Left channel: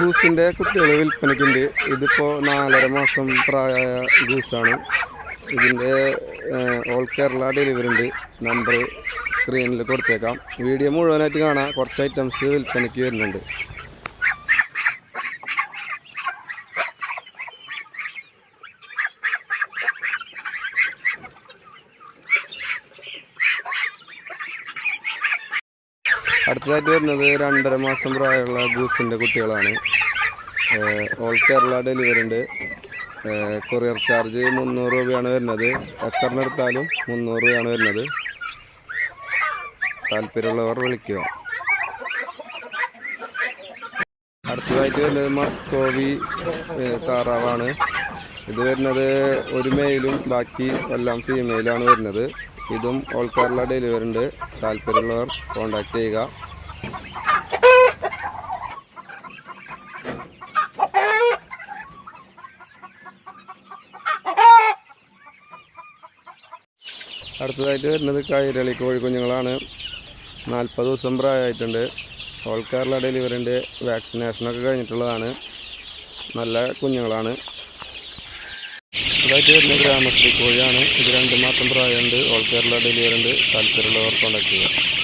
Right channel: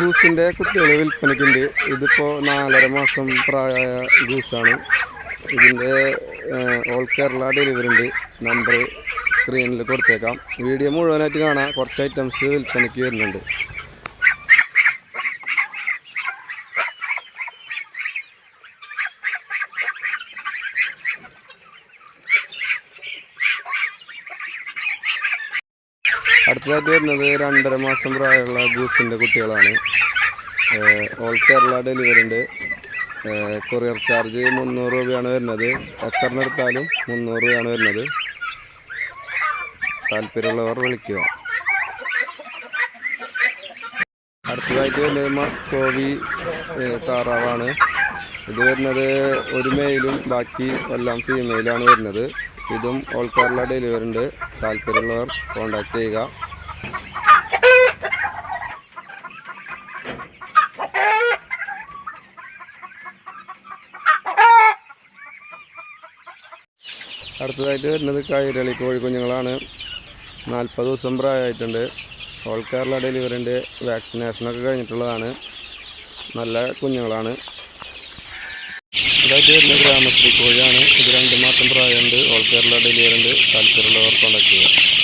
ഗൂസിന്റെ കുട്ടികൾ വിൽപ്പനയ്ക്കുണ്ട്. ഇതിപ്പോൾ നാലര മാസം പ്രായമായ ഗൂസാണ് ഇതിന്റെ ഓൾ കേരള ഡെലിവറി ഉണ്ട്. നമ്പർ സ്ക്രീനിൽ കൊടുത്തേക്കാം. വീഡിയോ മുഴുവനായിട്ട് കാണാം. കുറച്ച് ഐറ്റംസ് വിൽപ്പനയ്ക്ക് വരുന്നുണ്ട്. അടുത്തതായിട്ട് വരുന്നത് രണ്ടര മാസം പ്രായമുള്ള ഗൂസിന്റെ കുട്ടികളാണ്. ഓൾ കേരള ഡെലിവറി ഉണ്ട് കൊറിയർ ചാർജ് മുന്നൂറ് രൂപയാണ് വരുന്നത്. എത്രണ്ണം എടുത്താലും മുന്നൂറ് രൂപയാണ് വരുന്നത്. താല്പര്യമുള്ളവർ വിളിക്കുക. അടുത്തതായിട്ട് വരുന്നത് മസ്കോവി താറാവാണ്. ഇത് വരുന്നത് ഒരു മെയിലും ബാക്കി എല്ലാം ഫീമെയിലാണ് വരുന്നത്. ഇതും ഓൾ കേരള ഡെലിവറി ഉണ്ട് താല്പര്യമുള്ളവർ കോൺടാക്റ്റ് ചെയ്യുക. അടുത്തതായിട്ട് വരുന്നത് കൈരളി കോഴിക്കുഞ്ഞുങ്ങളാണ്. നാൽപ്പത് ദിവസം പ്രായമായിട്ടുണ്ട്. ഓൾ കേരള ഡെലിവറിന്റെ വാക്സിനേഷനൊക്കെ കഴിഞ്ഞിട്ടുള്ളതാണ്. നല്ല കുഞ്ഞുങ്ങളാണ്. ഇതായിട്ട് വരുന്നത് ഗ്രാമശ്രീ കോഴിയാണ്. ഇത് രണ്ട് മാസം പ്രായമുണ്ട്. ഓൾ കേരള ഡെലിവറി താല്പര്യമുള്ളവർ കോൺടാക്ട് ചെയ്യുക.